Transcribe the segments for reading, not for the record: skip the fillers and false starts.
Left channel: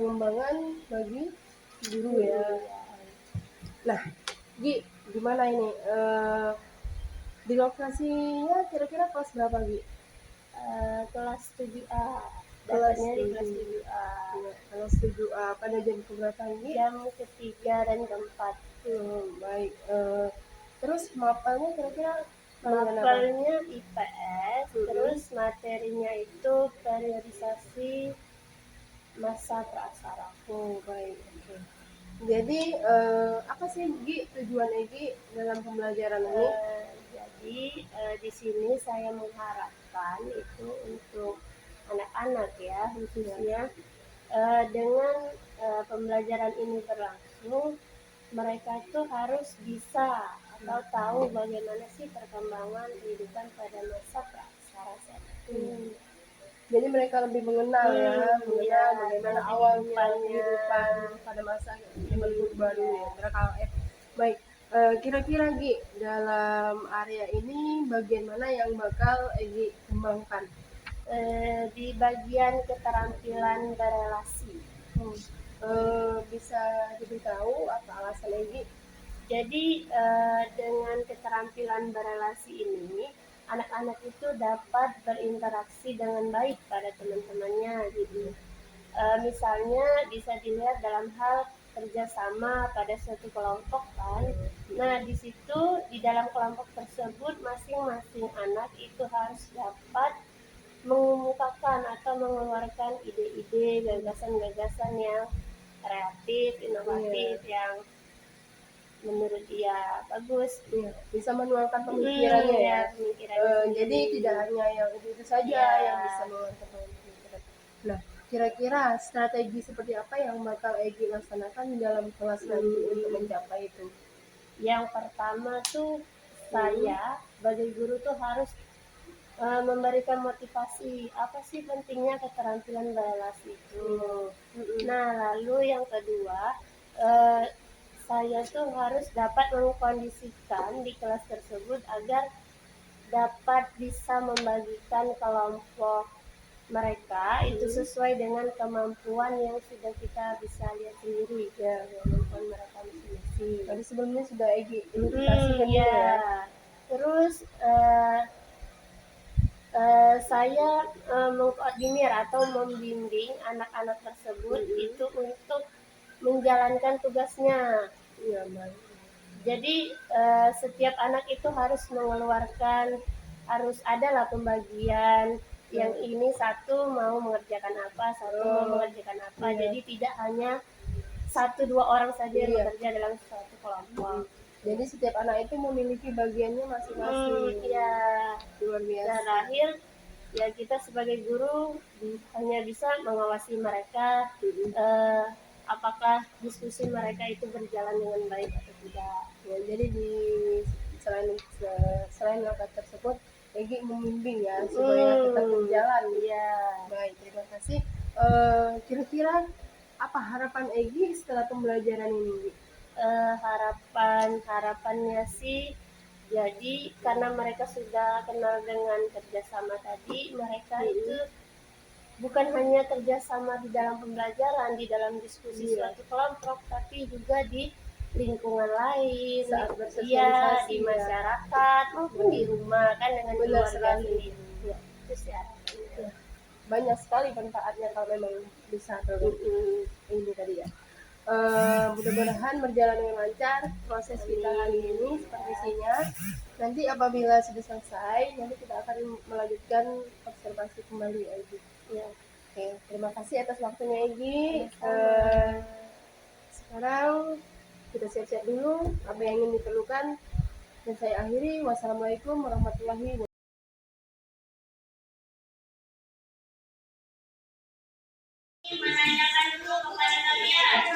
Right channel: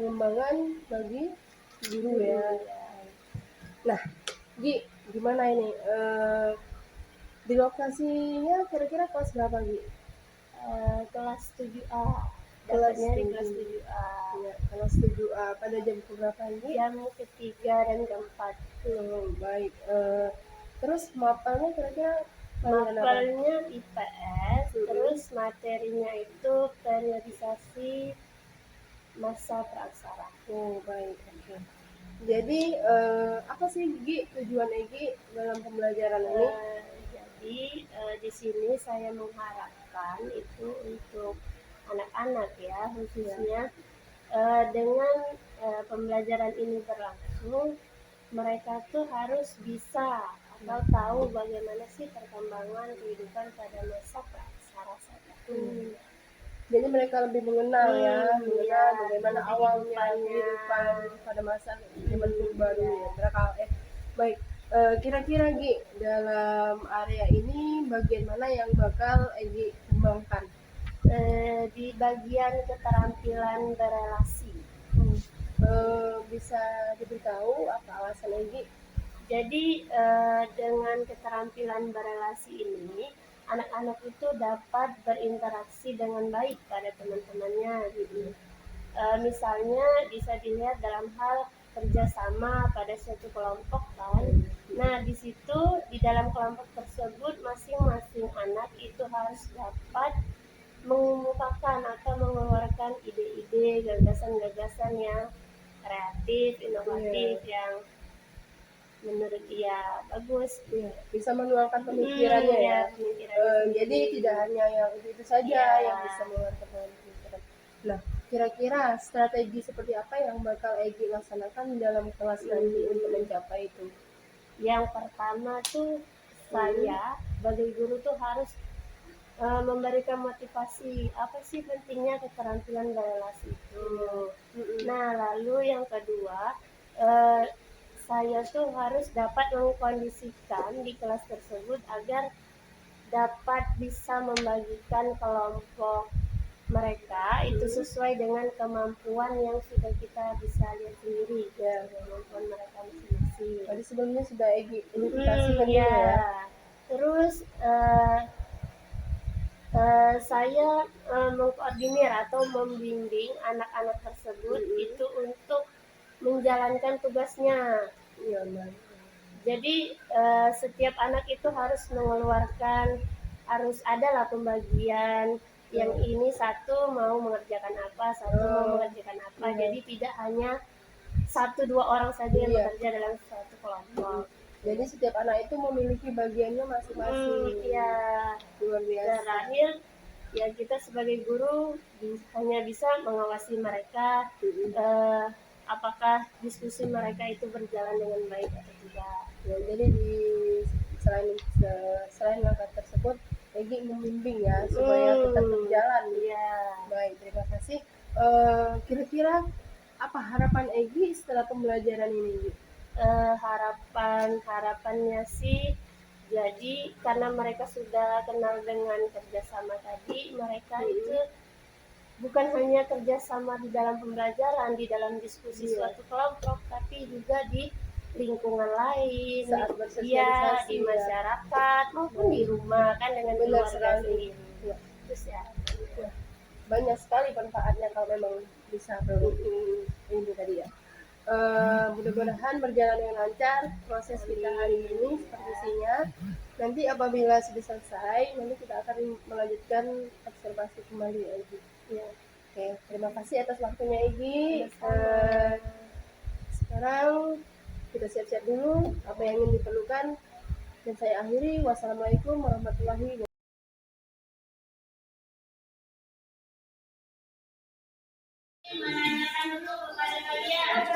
pengembangan bagi guru ya. Nah, Gi, gimana ini? Di lokasinya kira-kira kelas berapa, Gi? Kelas 7A. Dapatnya di kelas 7A. Ya, kelas 7A. Pada jam berapa ini? Jam ketiga dan keempat. Baik. Terus mapelnya kira-kira? Mapelnya IPS, terus materinya itu periodisasi masa praksara. Baik. Oke. Jadi apa sih, Gi, tujuan Egi dalam pembelajaran ini? Jadi di sini saya mengharapkan itu untuk anak-anak ya, khususnya dengan pembelajaran ini berlangsung, mereka tuh harus bisa atau tahu bagaimana sih perkembangan kehidupan pada masa praksara saja. Jadi mereka lebih mengenal bagaimana awalnya kehidupan pada masa zaman purba dulu ya. Baik, kira-kira Gi, dalam area ini bagian mana yang bakal Egi kembangkan? Di bagian keterampilan berelasi. Bisa diberitahu apa alasan Egi? Jadi dengan keterampilan berelasi ini, anak-anak itu dapat berinteraksi dengan baik pada teman-temannya. Gitu. Misalnya bisa dilihat dalam hal kerjasama pada suatu kelompok kan. Nah di situ di dalam kelompok tersebut masing-masing anak itu harus dapat mengemukakan atau mengeluarkan ide-ide, gagasan-gagasan yang kreatif, inovatif, yang menurut dia bagus. Bisa menuangkan pemikirannya ya. Jadi tidak hanya yang itu saja yang bisa mengeluarkan pemikiran. Nah, kira-kira strategi seperti apa yang bakal Egi laksanakan dalam kelas nanti untuk mencapai itu? Yang pertama tuh saya sebagai guru tuh harus memberikan motivasi apa sih pentingnya keterampilan berelasi itu. Nah lalu yang kedua saya tuh harus dapat mengkondisikan di kelas tersebut agar dapat bisa membagikan kelompok mereka itu sesuai dengan kemampuan yang sudah kita bisa lihat sendiri ya, kemampuan mereka masing-masing. Tadi sebelumnya sudah Egi identifikasikan ya. Terus saya mengkoordinir atau membimbing anak-anak tersebut itu untuk menjalankan tugasnya. Jadi setiap anak itu harus mengeluarkan, harus adalah pembagian. Yang ini satu mau mengerjakan apa, satu mau mengerjakan apa. Jadi tidak hanya 1-2 orang saja yang bekerja dalam suatu kelompok. Jadi setiap anak itu memiliki bagiannya masing-masing. Luar biasa. Terakhir ya kita sebagai guru hanya bisa mengawasi mereka apakah diskusi mereka itu berjalan dengan baik atau tidak. Jadi selain langkah tersebut, Egi membimbing ya supaya tetap berjalan. Baik, terima kasih. Kira-kira apa harapan Egi setelah pembelajaran ini? Harapannya sih, jadi karena mereka sudah kenal dengan kerjasama tadi, mereka itu bukan hanya kerjasama di dalam pembelajaran, di dalam diskusi suatu kelompok, tapi juga di lingkungan lain, di masyarakat maupun di rumah kan dengan keluarga sendiri. Itu sih harapannya. Banyak sekali manfaatnya kalau memang bisa ini tadi ya. Mudah-mudahan berjalan dengan lancar proses kita hari ini sepertinya. Nanti apabila sudah selesai, nanti kita akan melanjutkan observasi kembali Egi. Oke, terima kasih atas waktunya Egi. Sekarang kita siap-siap dulu apa yang ingin diperlukan dan saya akhiri. Wassalamualaikum warahmatullahi wabarakatuh. Menanyakan dulu kepada kalian,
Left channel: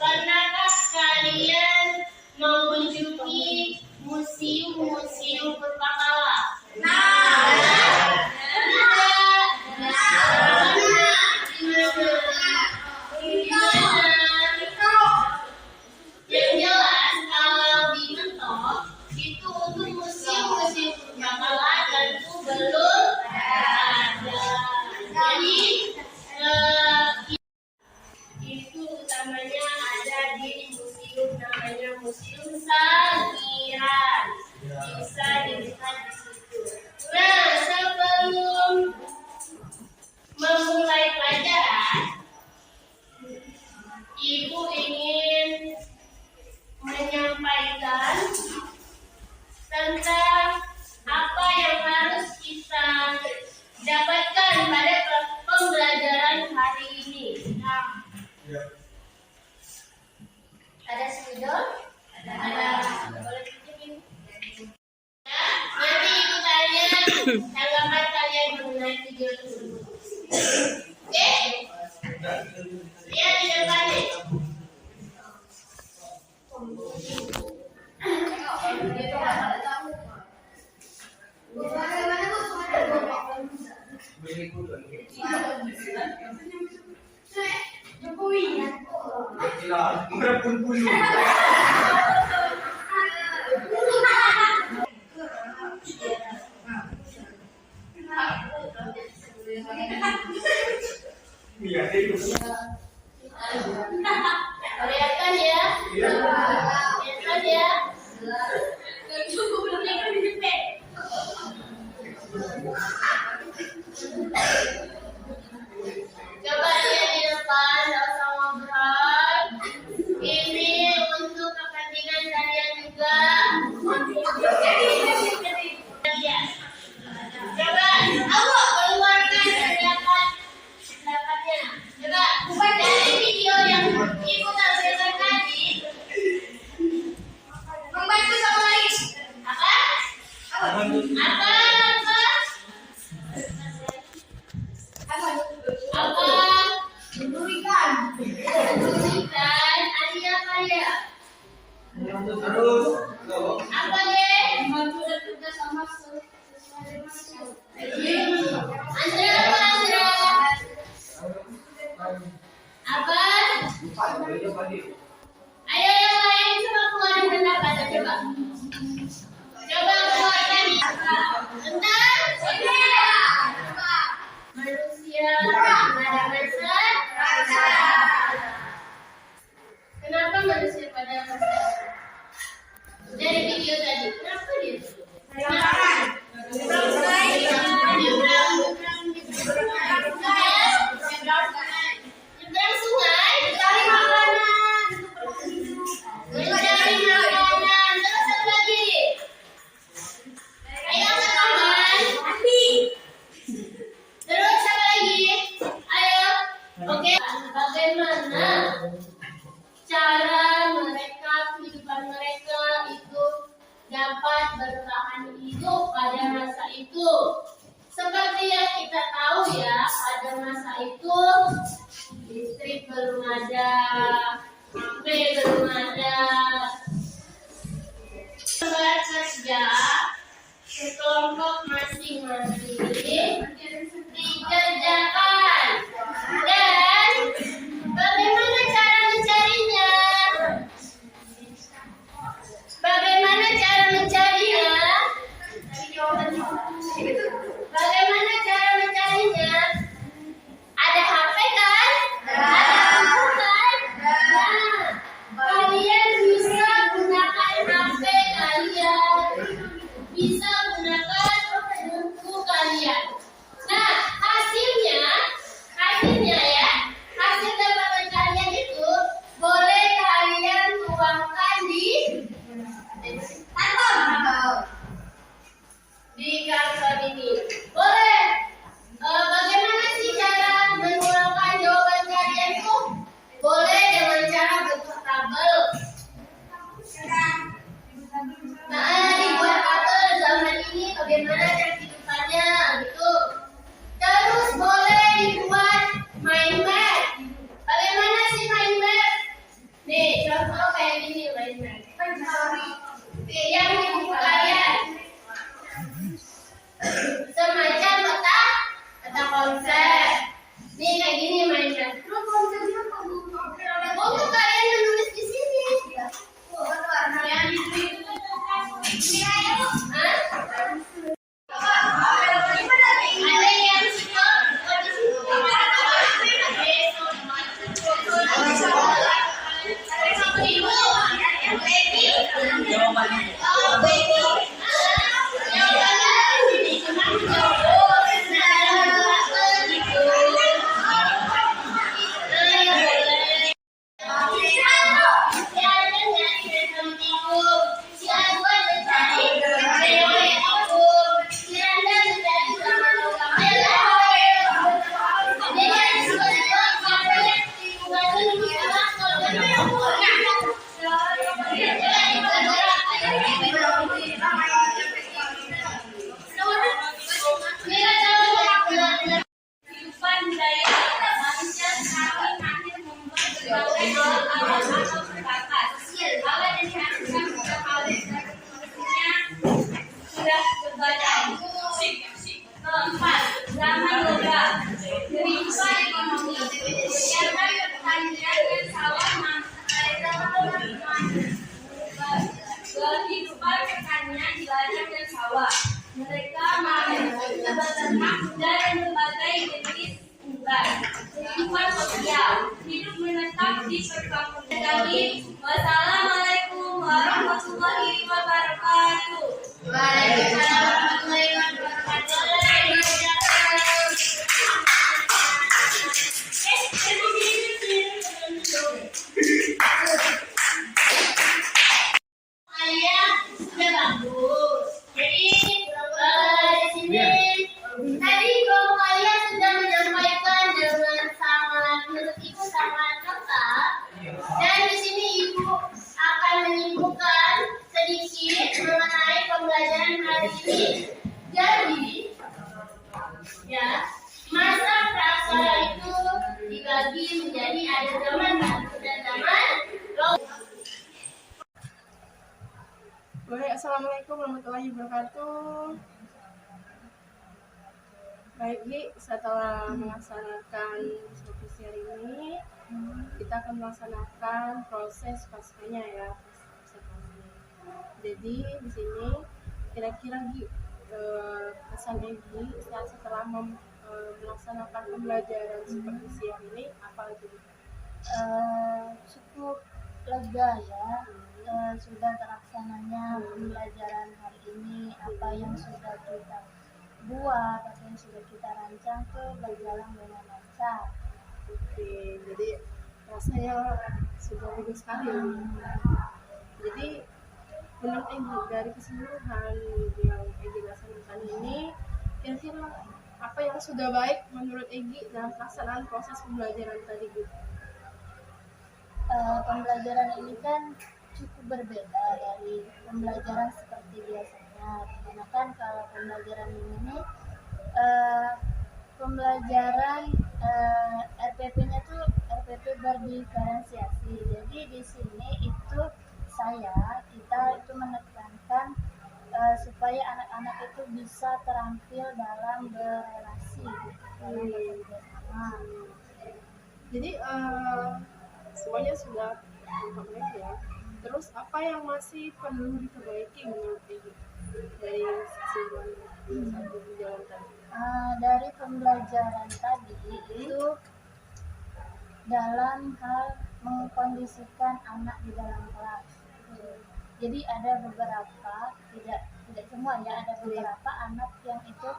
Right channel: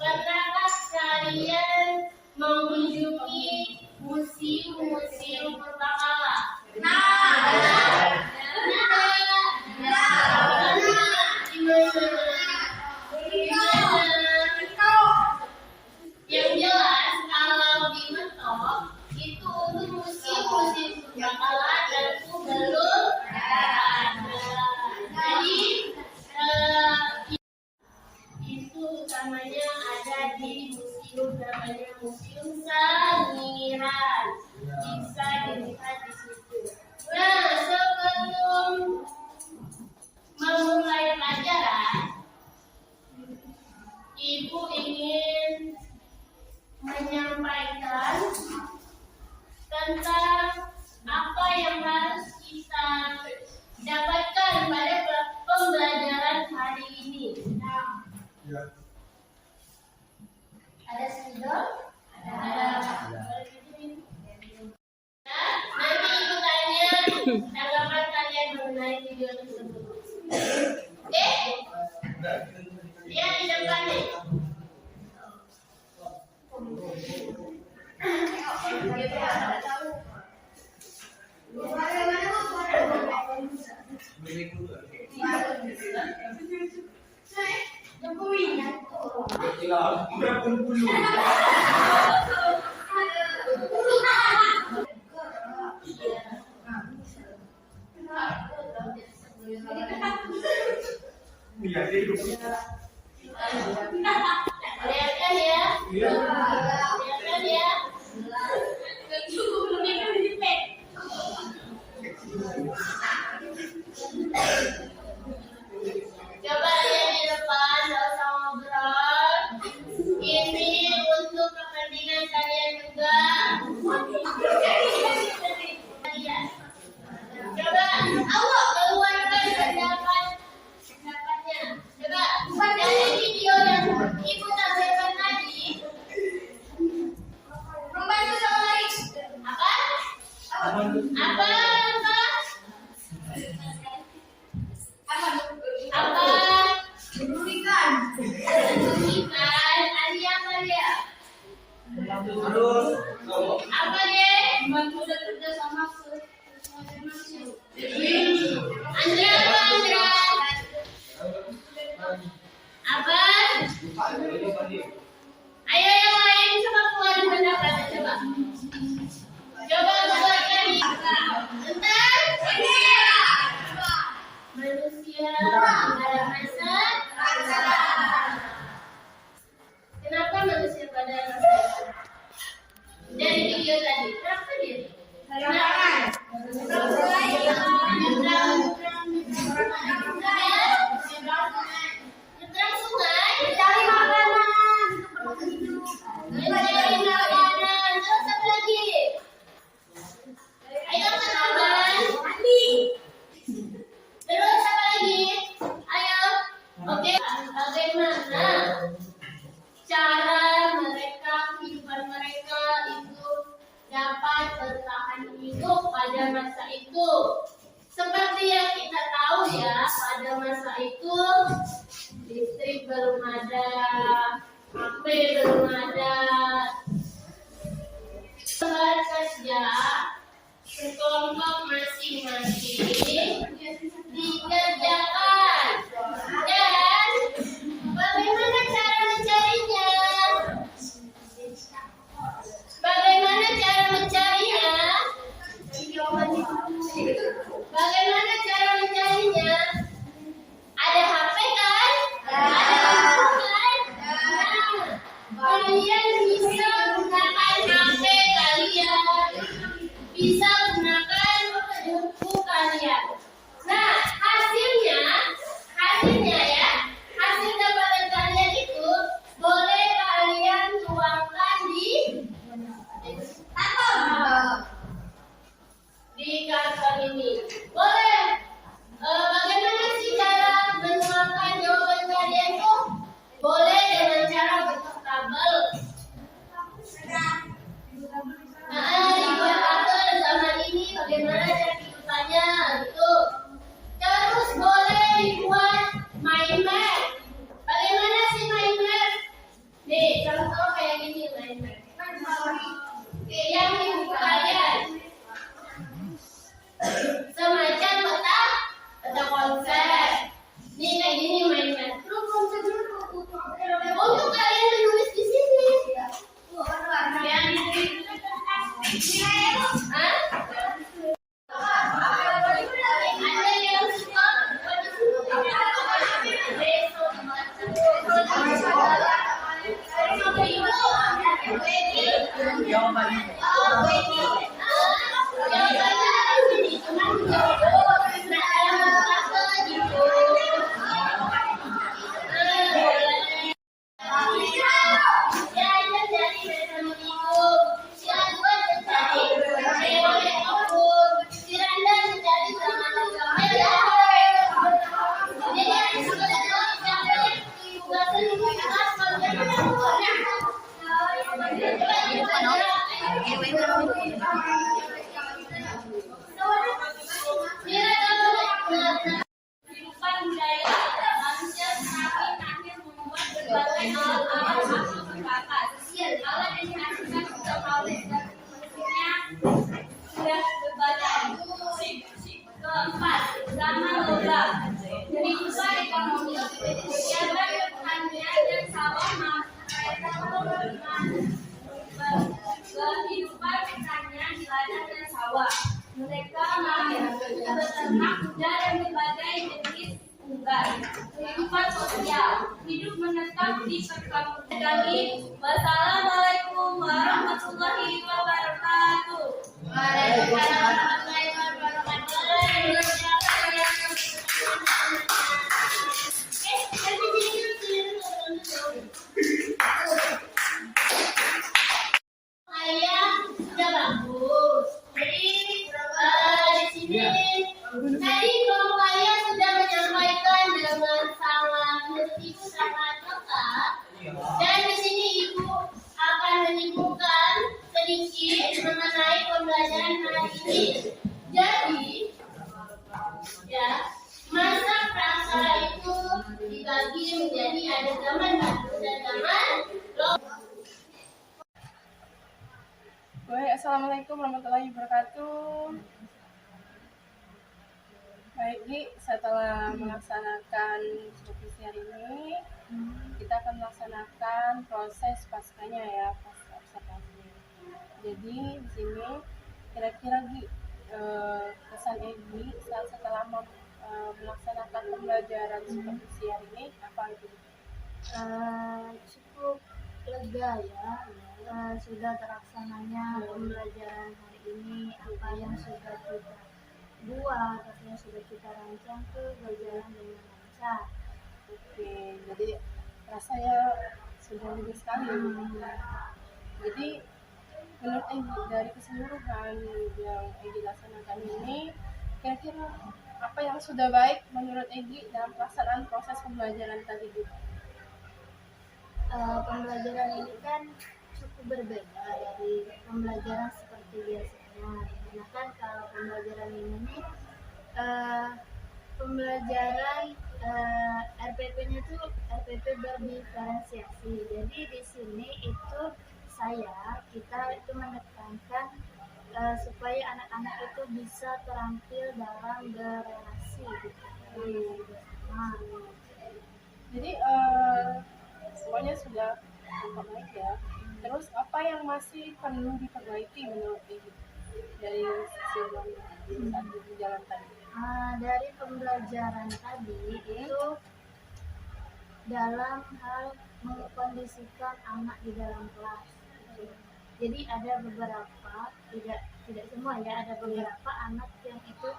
pernahkah kalian mengunjungi museum purbakala? tanggapan kalian mengenai video tersebut. Oke? Lihat di depan nih. Kelihatan ya? Kelihatan ya? Coba lihat di depan, nggak usah ngobrol. Ini untuk kepentingan kalian juga. Lihat. Coba, keluarkan pendapatnya. Coba, dari video yang ibu tampilkan tadi, membantu sama lain. Apa? Apa? Merugikan. Ada apa dia? Apa dia? Membantu kerja sama Andra apa Andra? Apa? Ayo yang lain coba keluarin pendapatnya coba. Coba keluarkan tentang manusia pada masa. Kenapa manusia pada masa? Dari video tadi, kenapa dia? Nyebrang sungai, mencari makanan. Terus apa lagi? Ayo teman. Terus apa lagi? Ayo. Oke. Bagaimana cara mereka, kehidupan mereka itu dapat bertahan hidup pada masa itu? Seperti yang kita tahu ya, pada masa itu listrik belum ada, HP belum ada. Bekerja sekelompok masing-masing dikerjakan. Dan bagaimana cara mencarinya? Bagaimana cara mencarinya? Bagaimana cara mencarinya? Ada HP kan? Ada buku kan? Nah, kalian bisa gunakan HP kalian, bisa gunakan buku kalian. Nah, hasilnya ya, hasil dapatan kalian itu boleh kalian tuangkan di karton ini. Boleh. Bagaimana sih cara menuangkan jawaban kalian tuh? Boleh dengan cara bentuk tabel. Nah, dibuat tabel zaman ini bagaimana cara kehidupannya gitu. Terus boleh dibuat mind map. Bagaimana sih mind map? Nih, contoh kayak gini mind map. Yang di buku kalian. Semacam peta konsep. Nih kayak gini mind map. Untuk kalian menulis di sini. Ada yang jawabannya di sini. ternak, dan berbagai jenis unggas. Kehidupan sosial, hidup menetap di perkampungan kami. Wassalamualaikum warahmatullahi wabarakatuh. Waalaikumsalam warahmatullahi wabarakatuh. Ayah sudah bagus. Jadi di sini tadi kalau kalian sudah menyampaikan dengan sangat menurut ibu sangat lengkap. Dan di sini ibu akan menyimpulkan sedikit mengenai pembelajaran hari ini. Jadi ya, masa praksara itu dibagi menjadi ada zaman batu dan zaman logam. Baik, assalamualaikum warahmatullahi wabarakatuh. Baik, Gi, setelah melaksanakan supervisi hari ini, kita akan melaksanakan proses paskanya ya, pasca observasi. Jadi di sini kira-kira Gi, kesan Egi saat setelah melaksanakan pembelajaran supervisi hari ini apa itu? Cukup lega ya, sudah terlaksananya pembelajaran hari ini. Apa yang sudah kita buat, apa yang sudah kita rancang tuh berjalan dengan lancar. Oke, jadi rasanya sudah bagus sekali. Jadi menurut Egi dari keseluruhan yang Egi laksanakan ini, kira-kira apa yang sudah baik menurut Egi dalam pelaksanaan proses pembelajaran tadi gitu? Pembelajaran ini kan cukup berbeda dari pembelajaran seperti biasanya, dimana kan kalau pembelajaran ini pembelajaran RPP-nya tuh RPP berdiferensiasi. Jadi di sini itu kita itu menekankan supaya anak-anak itu bisa terampil dalam berrelasi gitu, dalam bekerja sama. Jadi semuanya sudah baik ya. Terus apa yang masih perlu diperbaiki menurut Egi dari keseluruhan satu berjalan tadi? Dari pembelajaran tadi itu dalam hal mengkondisikan anak di dalam kelas. Jadi ada beberapa, tidak semua ya, ada beberapa anak yang itu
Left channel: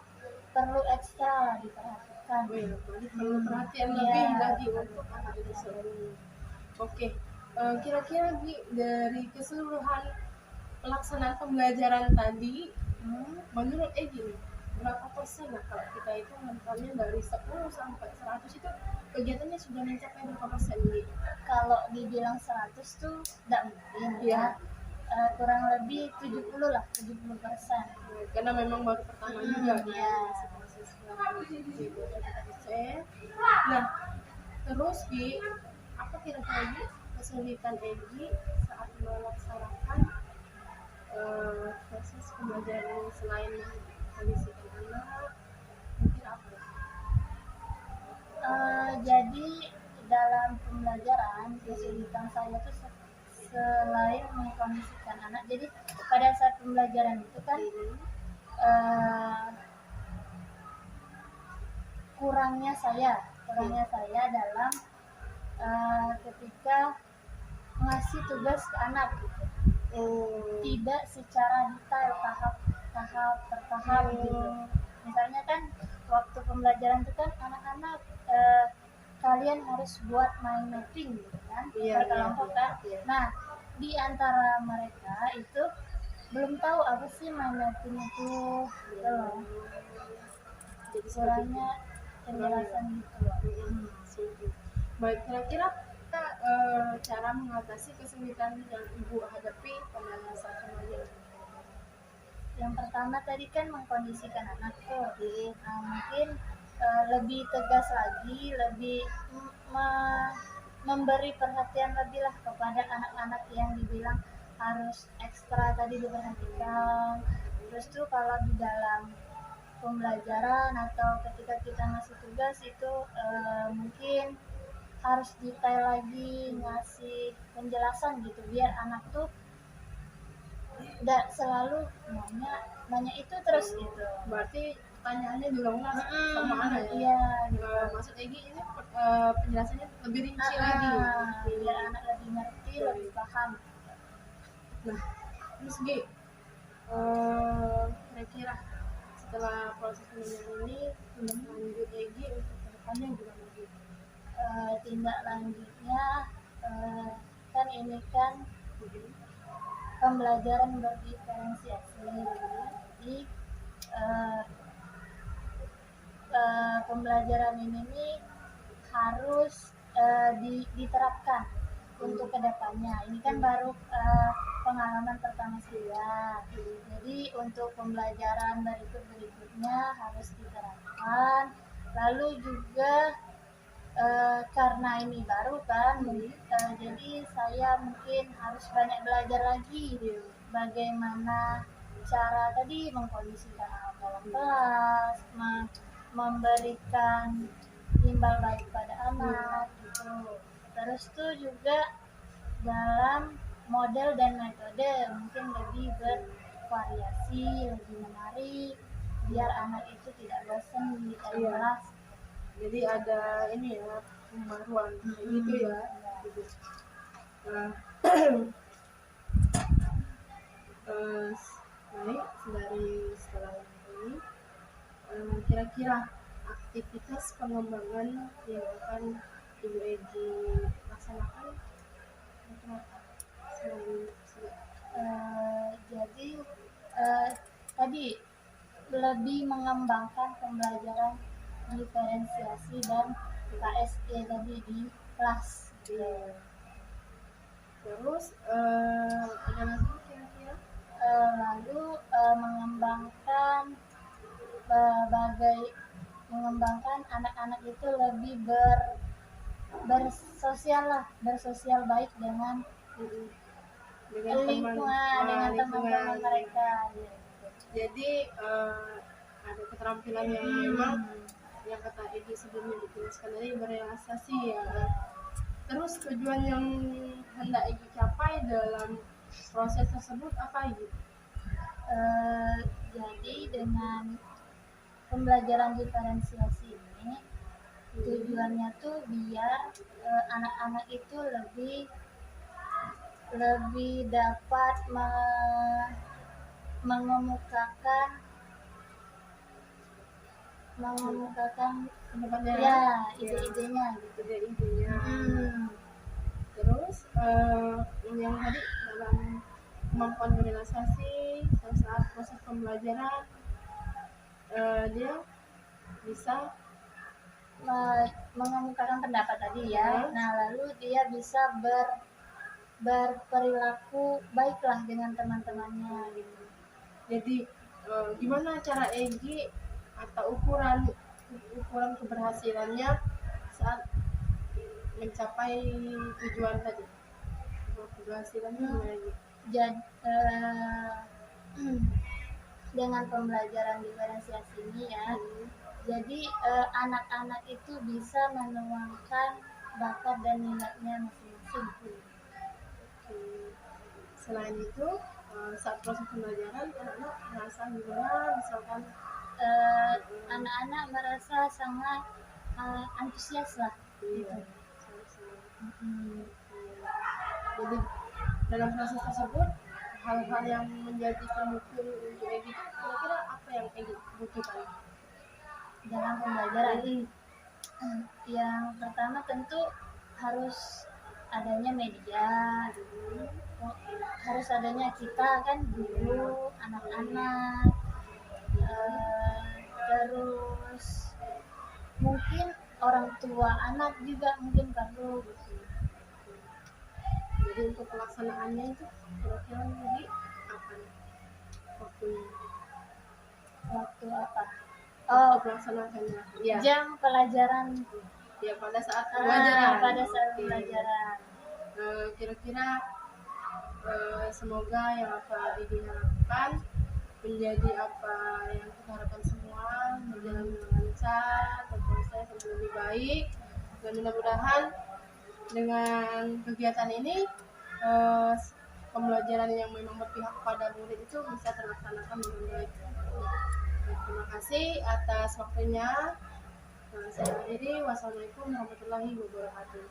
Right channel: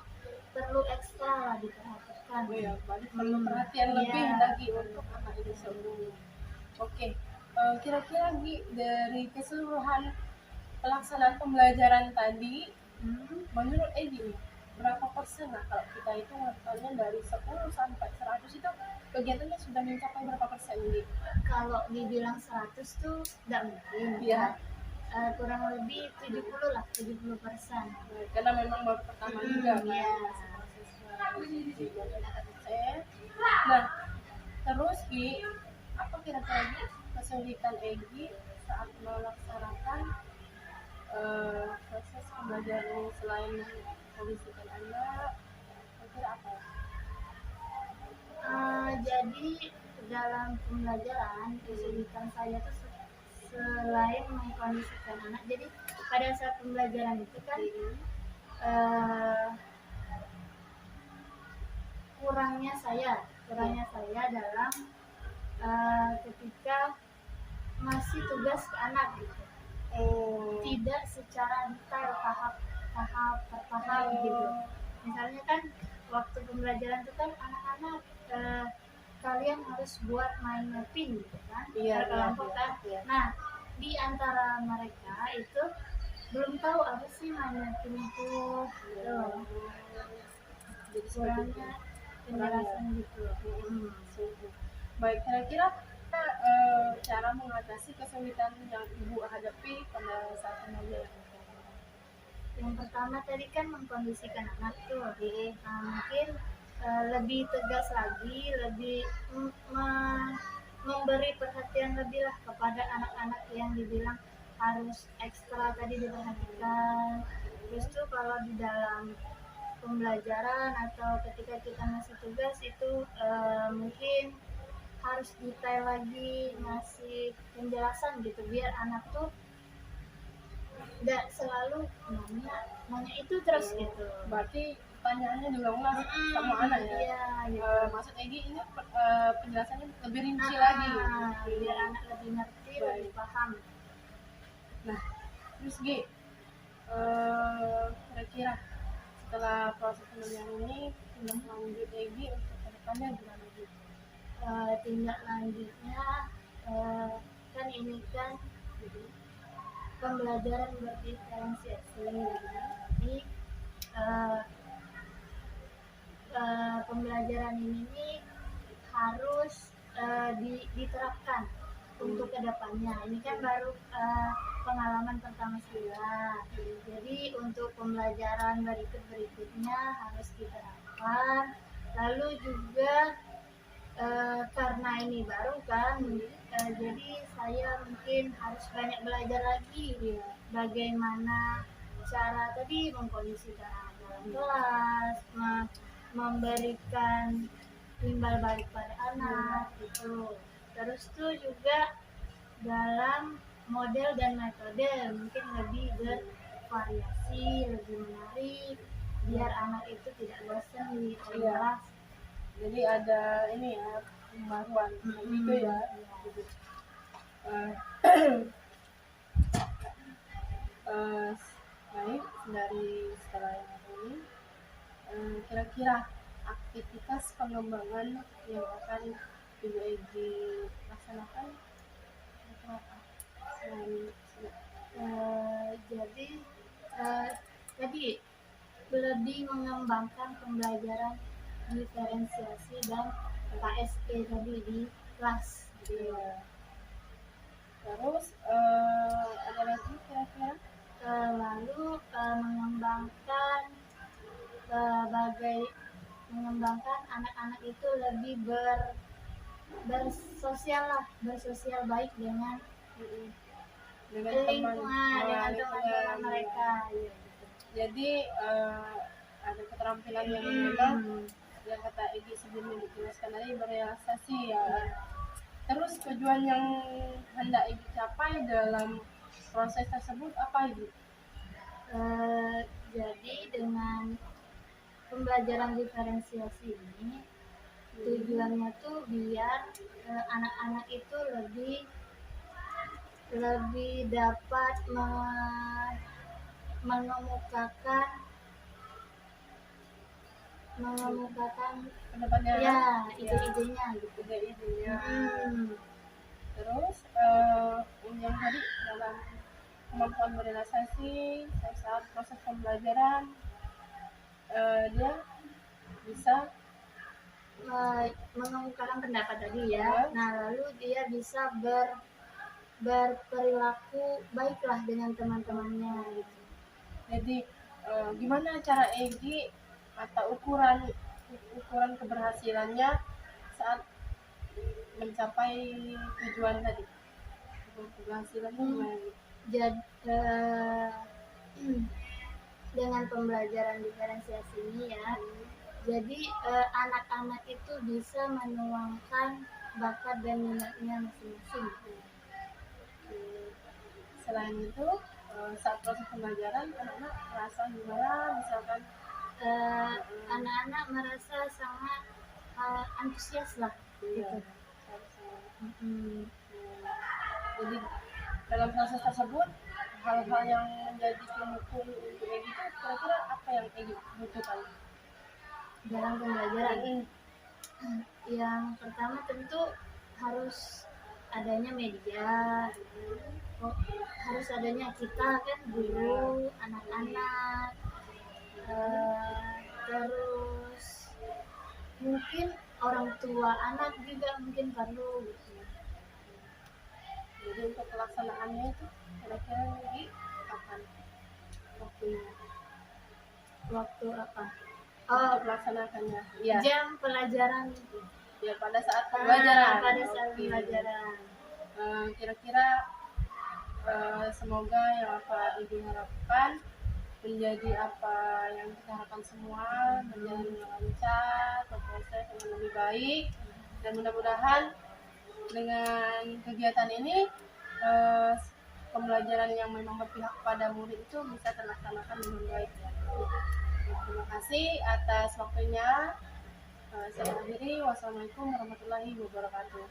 perlu ekstra diperhatikan. Oh ya, perlu perhatian lebih lagi untuk anak itu sendiri. Oke, kira-kira Gi, dari keseluruhan pelaksanaan pembelajaran tadi, menurut Egi berapa persen lah kalau kita itu nontonnya dari 10 sampai 100 itu kegiatannya sudah mencapai berapa persen Gi? Kalau dibilang 100 tuh nggak mungkin ya. Kurang lebih 70 lah, 70%. Karena memang baru pertama juga ya. Nah, terus Gi, apa kira-kira Gi kesulitan Egi saat melaksanakan proses pembelajaran selain kondisikan anak, kira apa? Jadi dalam pembelajaran kesulitan saya tuh selain mengkondisikan anak, jadi pada saat pembelajaran itu kan kurangnya saya dalam ketika ngasih tugas ke anak gitu, tidak secara detail tahap per tahap gitu. Misalnya kan waktu pembelajaran itu kan anak-anak kalian harus buat mind mapping gitu kan, berkelompok kan. Nah, di antara mereka itu belum tahu apa sih mind mapping itu gitu. Jadi kurangnya penjelasan gitu loh. Baik, kira-kira cara mengatasi kesulitan yang Ibu hadapi pada saat pembelajaran? Yang pertama tadi kan mengkondisikan anak tuh, mungkin lebih tegas lagi, lebih memberi perhatian lebih lah kepada anak-anak yang dibilang harus ekstra tadi diperhatikan. Terus tuh kalau di dalam pembelajaran atau ketika kita ngasih tugas itu mungkin harus detail lagi, ngasih penjelasan gitu biar anak tuh nggak selalu nanya itu terus gitu. Berarti pertanyaannya diulang-ulang sama anak ya. Iya, gitu. Maksud Egi ini penjelasannya lebih rinci lagi. Biar anak lebih ngerti, lebih paham. Nah, terus Gi, kira-kira setelah proses pembelajaran ini tindak lanjut Egi untuk kedepannya gimana Gi? Tindak lanjutnya kan ini kan pembelajaran berdiferensiasi. Jadi pembelajaran ini nih harus diterapkan untuk kedepannya. Ini kan baru pengalaman pertama saya. Jadi untuk pembelajaran berikutnya harus diterapkan. Lalu juga karena ini baru kan, jadi saya mungkin harus banyak belajar lagi bagaimana cara tadi mengkondisikan anak dalam kelas, memberikan imbal balik pada anak gitu. Terus tuh juga dalam model dan metode mungkin lebih bervariasi, lebih menarik biar anak itu tidak bosan di dalam kelas. Jadi ada ini ya pembaruan gitu ya. Gitu. Baik, dari setelah ini kira-kira aktivitas pengembangan yang akan Ibu Egi laksanakan itu apa? Jadi tadi lebih mengembangkan pembelajaran diferensiasi dan KSE tadi di kelas. Terus ada lagi kira-kira? Lalu mengembangkan anak-anak itu lebih bersosial baik dengan teman-teman mereka. Jadi ada keterampilan yang memang yang kata Egi sebelumnya dijelaskan tadi berrealisasi ya. Terus tujuan yang hendak Egi capai dalam proses tersebut apa Egi? Jadi dengan pembelajaran diferensiasi ini tujuannya tuh biar anak-anak itu lebih dapat mengemukakan Pendapatnya ide-idenya gitu. Terus yang tadi dalam kemampuan berrealisasi saat proses pembelajaran dia bisa mengemukakan pendapat tadi ya. Nah, lalu dia bisa berperilaku baiklah dengan teman-temannya gitu. Jadi gimana cara Egi atau ukuran keberhasilannya saat mencapai tujuan tadi? Keberhasilannya gimana Egi? Jadi dengan pembelajaran diferensiasi ini ya, jadi anak-anak itu bisa menuangkan bakat dan minatnya masing-masing. Selain itu saat proses pembelajaran anak-anak merasa gimana? Misalkan anak-anak merasa sangat antusias lah gitu. Jadi dalam proses tersebut hal-hal yang menjadi pendukung untuk Egi itu kira-kira apa yang Egi butuhkan dalam pembelajaran? Yang pertama tentu harus adanya media, harus adanya kita kan guru, anak-anak, terus mungkin orang tua anak juga mungkin perlu gitu. Jadi untuk pelaksanaannya itu kira-kira Egi kapan waktunya? Waktu apa? Untuk melaksanakannya ya. Jam pelajaran Ya pada saat pembelajaran. Pada saat pembelajaran. Kira-kira semoga yang apa Egi harapkan menjadi apa yang kita harapkan semua, berjalan dengan lancar, berproses dengan lebih baik, dan mudah-mudahan dengan kegiatan ini pembelajaran yang memang berpihak pada murid itu bisa terlaksanakan dengan baik. Terima kasih atas waktunya. Saya akhiri. Wassalamualaikum warahmatullahi wabarakatuh.